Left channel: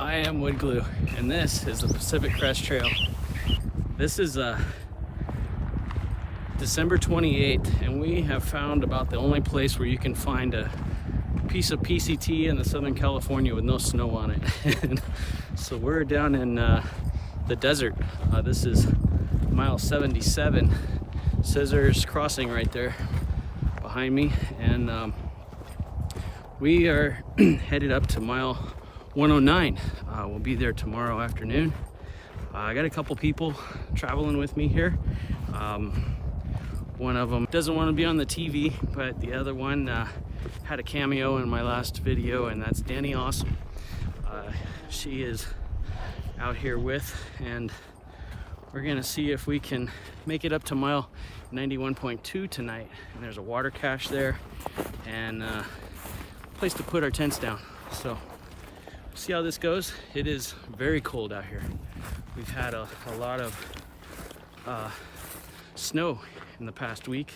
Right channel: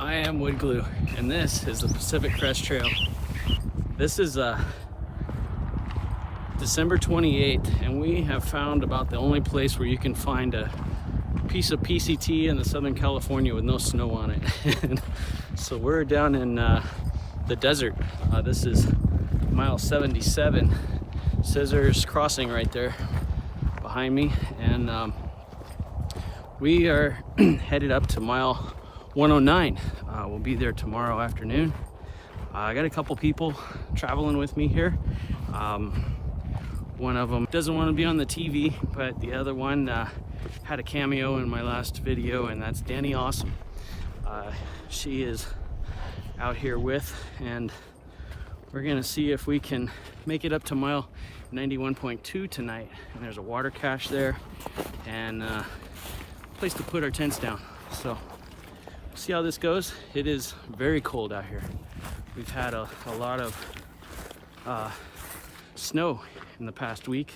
I am Woodglue, and this is the Pacific Crest Trail. This is December 28th, and we have found about the only place where you can find a piece of PCT in the Southern California with no snow on it. So we're down in the desert. This is mile 77, Scissors Crossing right there behind me, and we are headed up to mile 109. We'll be there tomorrow afternoon. I got a couple people traveling with me here. One of them doesn't want to be on the TV, but the other one had a cameo in my last video, and that's Danny Awesome. She is out here with, and we're gonna see if we can make it up to mile 91.2 tonight. And there's a water cache there and a place to put our tents down. So see how this goes. It is very cold out here. We've had a lot of snow in the past week.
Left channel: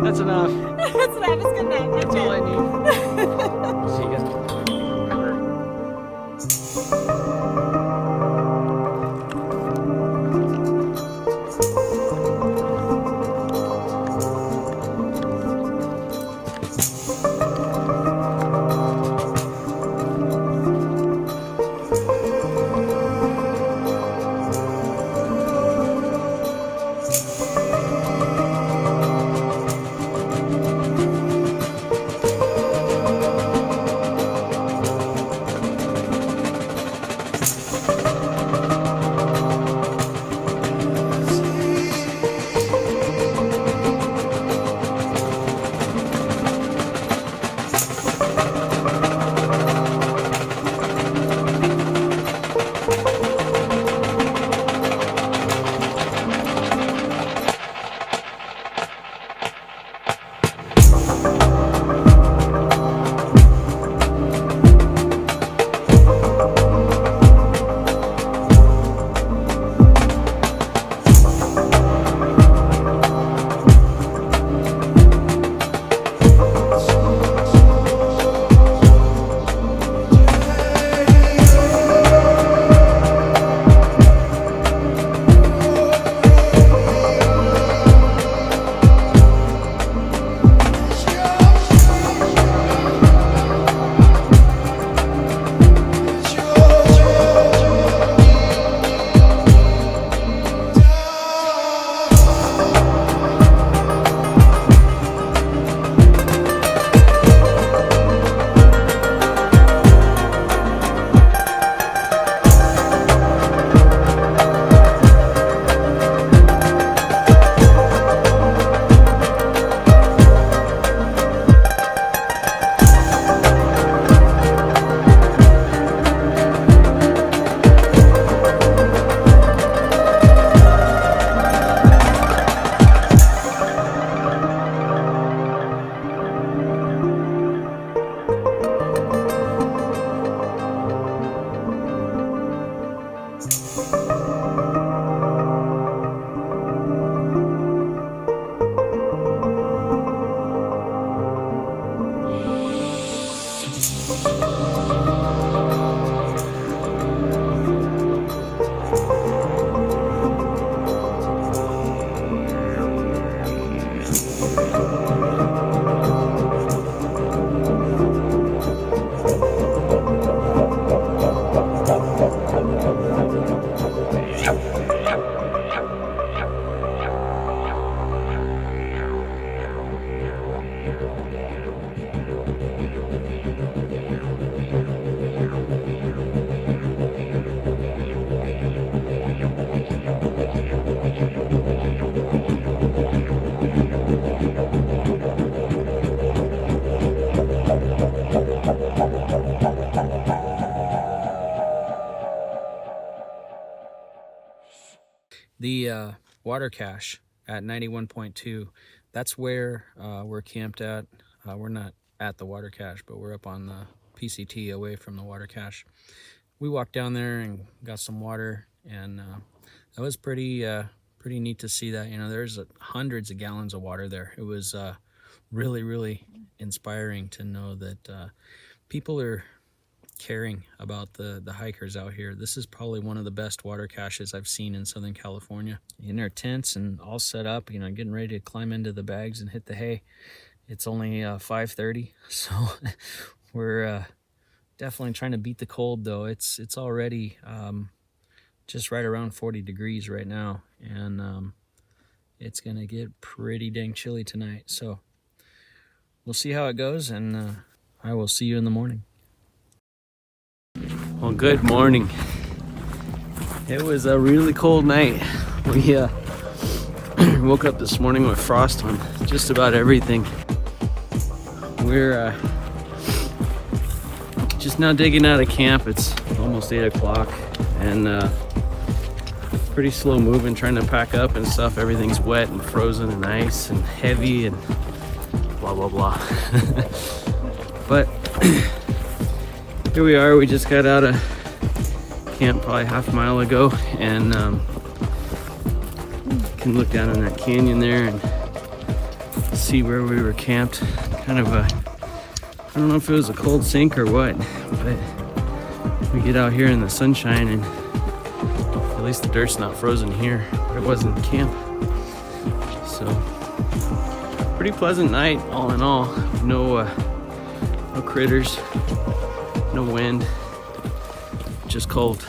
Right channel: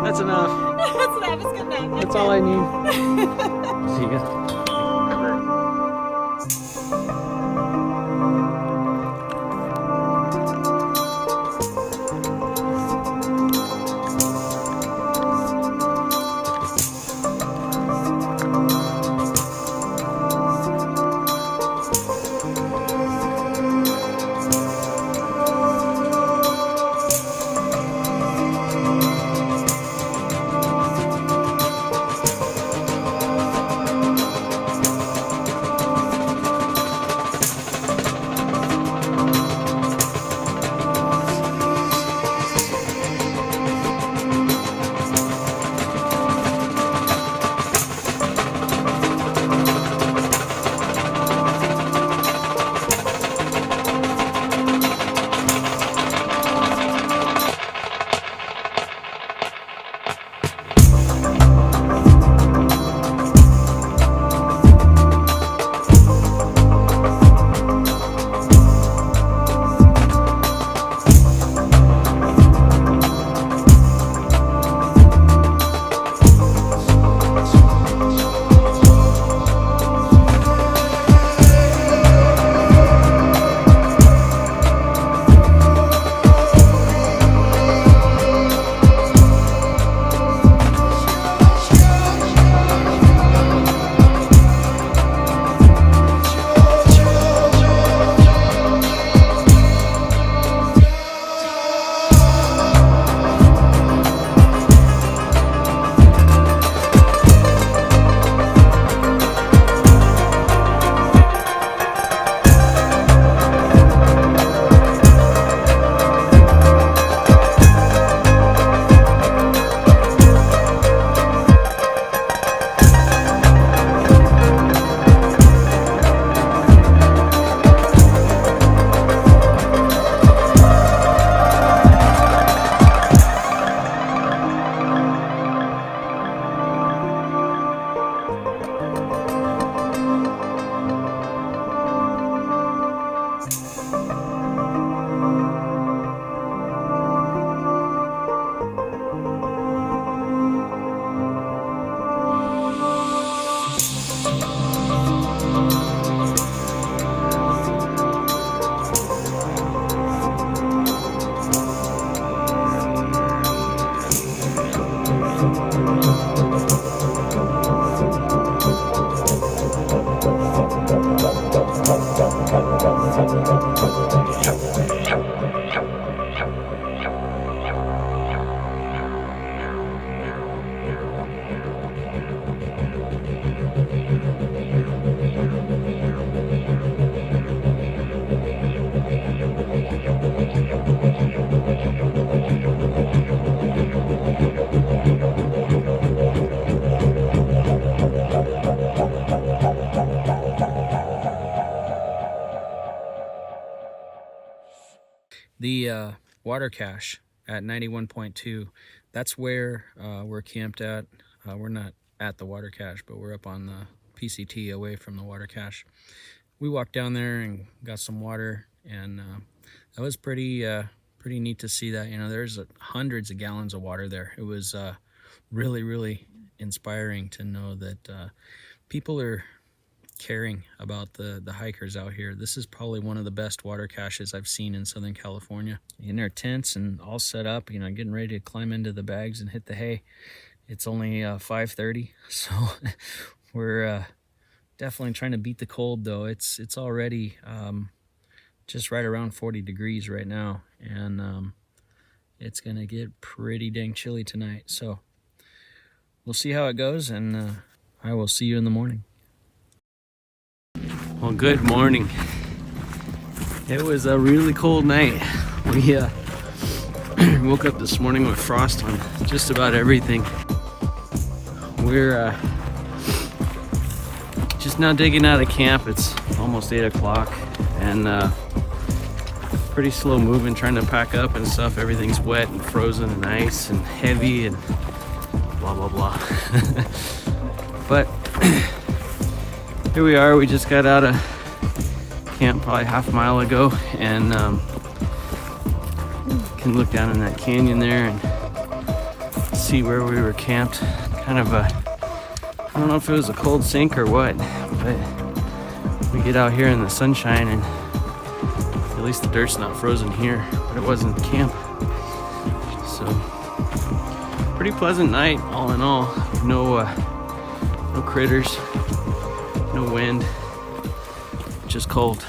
That's enough. That's good enough. That's all I need. See you guys. The water cache at 91.2, that's where we're camped at. We're not at the water cache, but we're up on the PCT away from the water cache. We walked down there and got some water, and that was pretty neat to see that. You know, there's hundreds of gallons of water there. It was really inspiring to know that people are caring about the hikers out here. This is probably one of the best water caches I've seen in Southern California. In their tents and all set up, you know, getting ready to climb into the bags and hit the hay. It's only 5:30, so we're definitely trying to beat the cold, though. It's already just right around 40 degrees right now, and it's gonna get pretty dang chilly tonight. So we'll see how it goes, and I will see you in the morning. Well, good morning. It was a really cold night. We woke up this morning with frost on just about everything. We're just now digging out of camp. It's almost 8 o'clock, and pretty slow moving, trying to pack up and stuff. Everything's wet and frozen and ice and heavy and blah blah blah. But here we are. We just got out of camp probably half a mile ago, and can look down in that canyon there and see where we were camped. Kind of I don't know if it was a cold sink or what, but we get out here in the sunshine, and at least the dirt's not frozen here, but it wasn't camp. So pretty pleasant night all in all. No critters, no wind, just cold.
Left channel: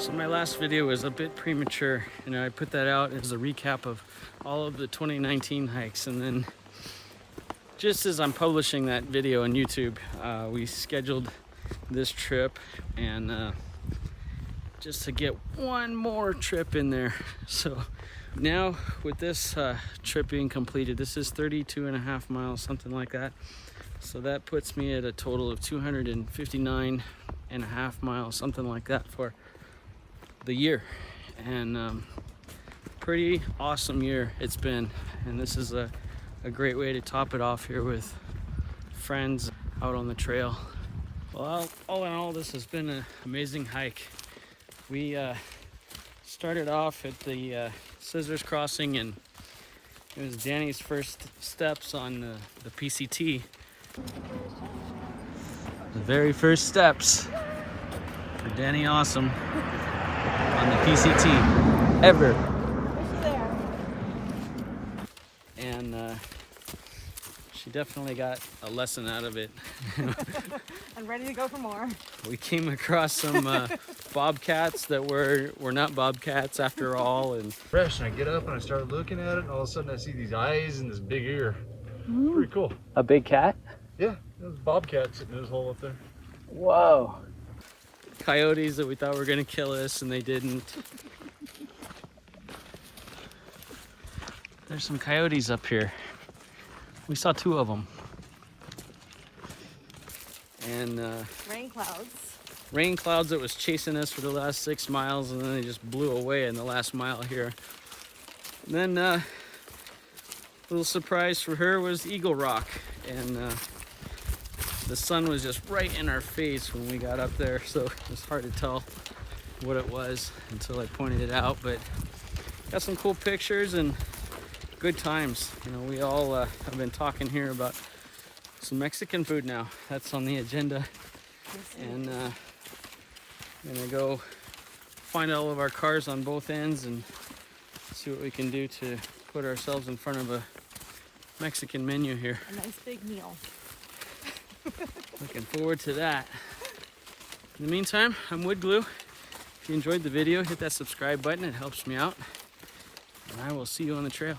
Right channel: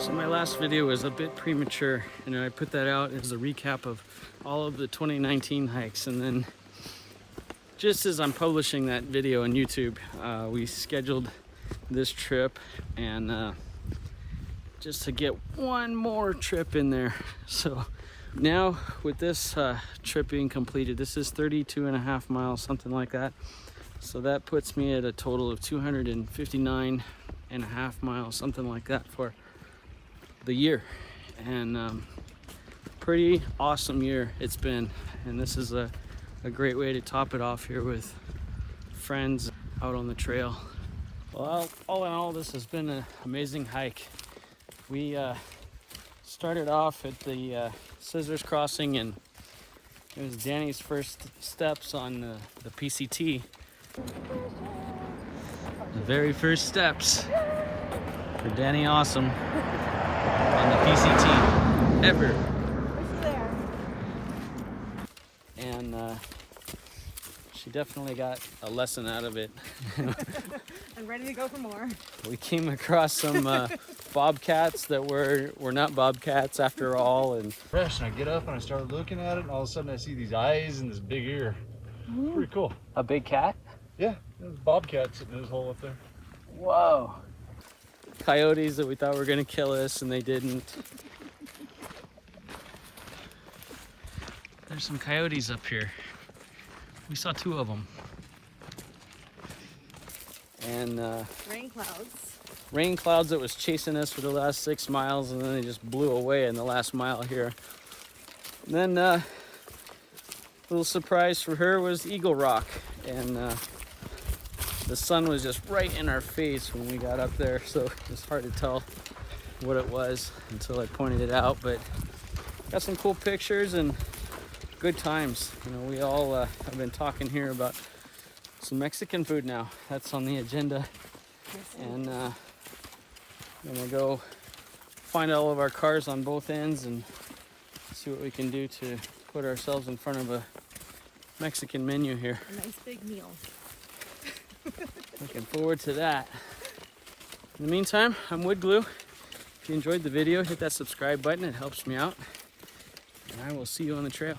So my last video was a bit premature, and I put that out as a recap of all of the 2019 hikes, and then just as I'm publishing that video on YouTube, we scheduled this trip, and just to get one more trip in there. So now with this trip being completed, this is 32.5 miles, something like that. So that puts me at a total of 259.5 miles, something like that, for the year. And pretty awesome year it's been, and this is a great way to top it off here with friends out on the trail. Well, all in all, this has been an amazing hike. We started off at the Scissors Crossing, and it was Danny's first steps on the PCT. The very first steps for Danny Awesome on the PCT ever. Wish you there. And she definitely got a lesson out of it. I'm ready to go for more. We came across some bobcats that were not bobcats after all, and Fresh, and I get up and I start looking at it, and all of a sudden I see these eyes and this big ear. Pretty cool. a big cat. Yeah, there's a bobcat sitting in his hole up there. Whoa. Coyotes that we thought were gonna kill us and they didn't. There's some coyotes up here. We saw 2 of them. And rain clouds that was chasing us for the last 6 miles, and then they just blew away in the last mile here. And then little surprise for her was Eagle Rock, and the sun was just right in our face when we got up there, so it was hard to tell what it was until I pointed it out. But got some cool pictures and good times. You know, we all have been talking here about some Mexican food now. That's on the agenda. And I'm gonna go find all of our cars on both ends and see what we can do to put ourselves in front of a Mexican menu here. A nice big meal. Looking forward to that. In the meantime, I'm Woodglue. If you enjoyed the video, hit that subscribe button. It helps me out. And I will see you on the trail.